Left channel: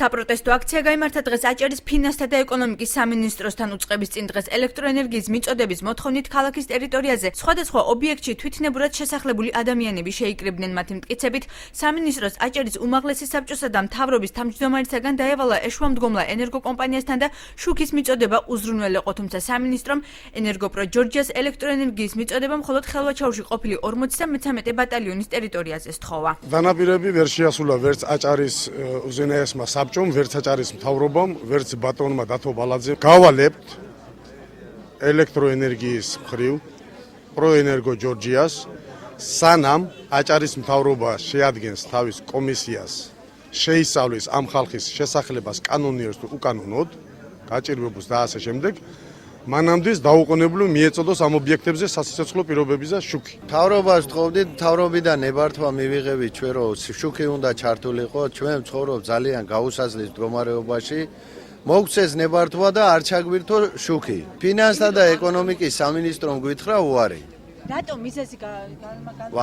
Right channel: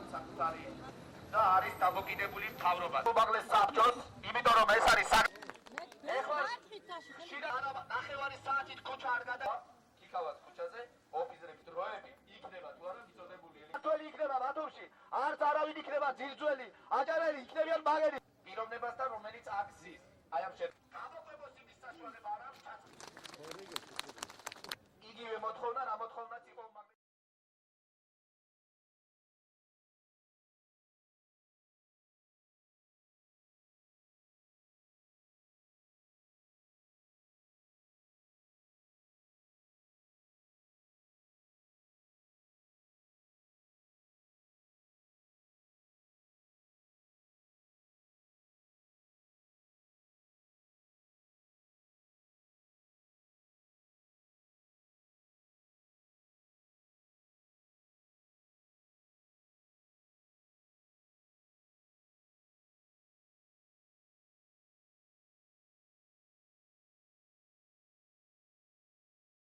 საპროტესტო აქცია გაიმართა დღეს აჭარის ფინანსთა და ეკონომიკის სამინისტროსთან უწყების წინ დღეს ელექტროენერგიის მიწოდების მოთხოვნით ქალაქის ტერიტორიაზე სხვადასხვა ობიექტში თვითნებურად შესახლებული ადამიანები შეიკრიბნენ მათი მტკიცებით სამინისტროს აჭარის უმაღლესი საბჭოსა და მთავრობის თავმჯდომარისაგან დაევალა ეშვამდგომლა ენერგოკომპანიასთან და შუქის მიწოდება უზრუნველეყო, თუმცა სამინისტრომ ენერგოპრო ჯორჯიას ელექტროენერგიის მიწოდება მხოლოდ ხელვაჩაუში ყოფილი 53 ბატალიონის ტერიტორიაზე სთხოვა. დანაპირები ვერ შეასრულა ვერც აჭარის უზენაესმა საბჭომ, ვერც აჭარის მთავრობამ, ვერც ბატონმა დათო ბალაძემ. გავალებთ ელექტროენერგიის მხრივ პროენერგო ჯორჯიას, სანამ აჭარის მთავრობა შეადგენს თავის კომისიას, შეისწავლის ამ ხალხის შესახლებას კანონიერს თუ უკანონოდ, გაჭირვებულს და ასე შემდეგ. მანამდე დაუყოვნებლივ მიეწოდოს ამ ობიექტებზე სასიცოცხლო პირობების და შუქი. მთავრობას ვთხოვდით, მთავრობიდან ნებართვა მივიღებით ჩვენ, რომ შუქი უნდა ჩართულიყო, ჩვენ ვცხოვრობ ძალიან გაუსაზღვის მდგომარეობაში. მოგცეს ნებართვა და არ ჩაგვირთო შუქი. ფინანსთა და ეკონომიკის სამინისტრომ გვითხრა უარი. რატომ მიზეზი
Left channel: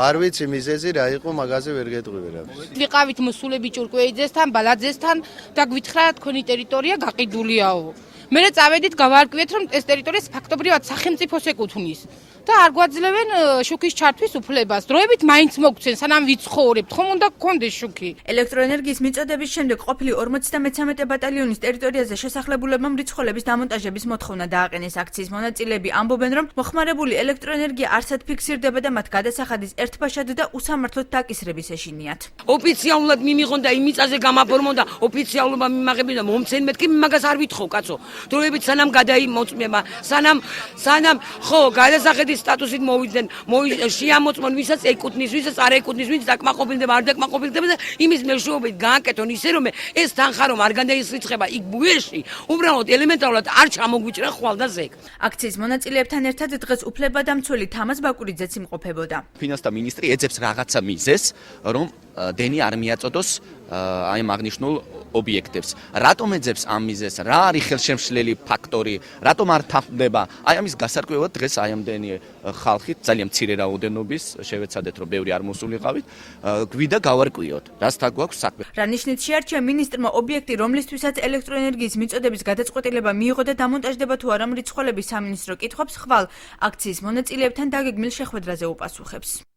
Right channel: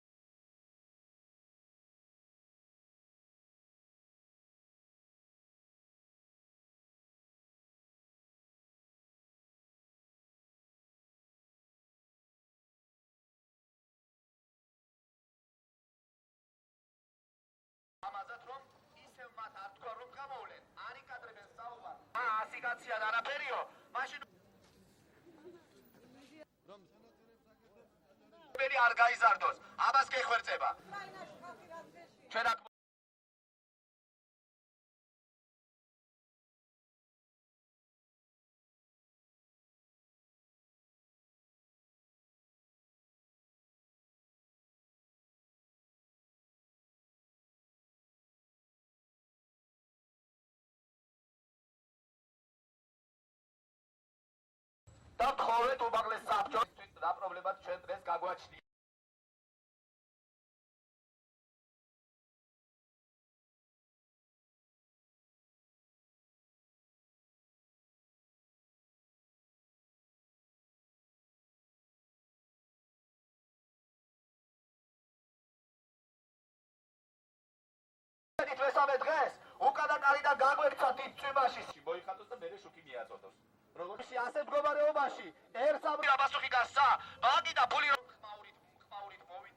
არ ვიცი მიზეზი რა იყო, მაგაზე ვერ გეტყვი ვერავის. ვიყავით მოსულები ჭურკვეიძესთან, ბალაძესთან და გვითხრა თქვენი ტერიტორია გაყიდულიაო. მე წავედით გავარკვიეთ, რომ ეს ტერიტორია ფაქტობრივად სახელმწიფოს ეკუთვნის და არ გვაძლევენ შუქის ჩართვის უფლებას. დროებით მაინც მოგცენ, სანამ ვიცხოვრებთ, ხომ უნდა გქონდეს შუქი. ელექტროენერგიის მიწოდების შემდეგ ყოფილი 53 ბატალიონის ტერიტორიაზე შესახლებულებამ რიცხვების დამონტაჟების მოთხოვნა დააყენეს. აქციის მონაწილეები ამბობენ, რომ მოხმარებული ელექტროენერგია არსად ფიქსირდება და მათ გადასახადის ერთბაშად და usამართლოდ დაკისრების ეშინიათ. ოფიციალურად მიმიღონ და იმ მიწაზე გამაფორმონ და ოფიციალობა მიმაღებინ და მომცენ მეთქი მაგას არ ვითხოვ კაცო. დროებით სანამ გადაიმოწმება, სანამ ხო გადასახედის სტატუსით მოვიდნენ, შეამოწმონ ვისაც ეკუთვნის, ვისაც არ ეკუთვნის, ვინც დაკმაყოფილდება, არ დაკმაყოფილდება და იმის მეშვეობით გააკეთონ ისე რომ ეს თანხა რომ არ გადაისრიცხება იქ ბუეში, უბრალოდ ელემენტარულად არ ჩამოგვიჭრა ხვალ და ზეგ. აქციის მონაწილეებთან ერთად დღეს უფლებადამცველი თამაზ ბაკურიძეც იმყოფებოდა. ფინანსთა მინისტრი ეძებს რაღაცა მიზეზს, რომ დენი არ მიაწოდოს აი ამ აღნიშნულ ობიექტებს. რატომ ეძებს ამ მიზეზს? რა არის ხელშემშლელი ფაქტორი? რატომ არ თანხმდება? აი ამის გასარკვევად დღეს აი ამდენი ხალხი ძალიან მცირე რაოდენობის შევეცადეთ, რომ ბევრი არ მოსულიყავით, გვიდა გავარკვიოთ, რასთან გვაქვს საქმე. რა ნიშნით შეარჩია მინისტრმა ობიექტი, რომლისთვისაც ელექტროენერგიის მიწოდების გადაწყვეტილება მიიღო და დამონტაჟდება თუ არა მრიცხველების სამინისტრო კითხვებს ხვალ აქციის მონაწილეებთან დაგეგმილ შეხვედრაზე უპასუხებს.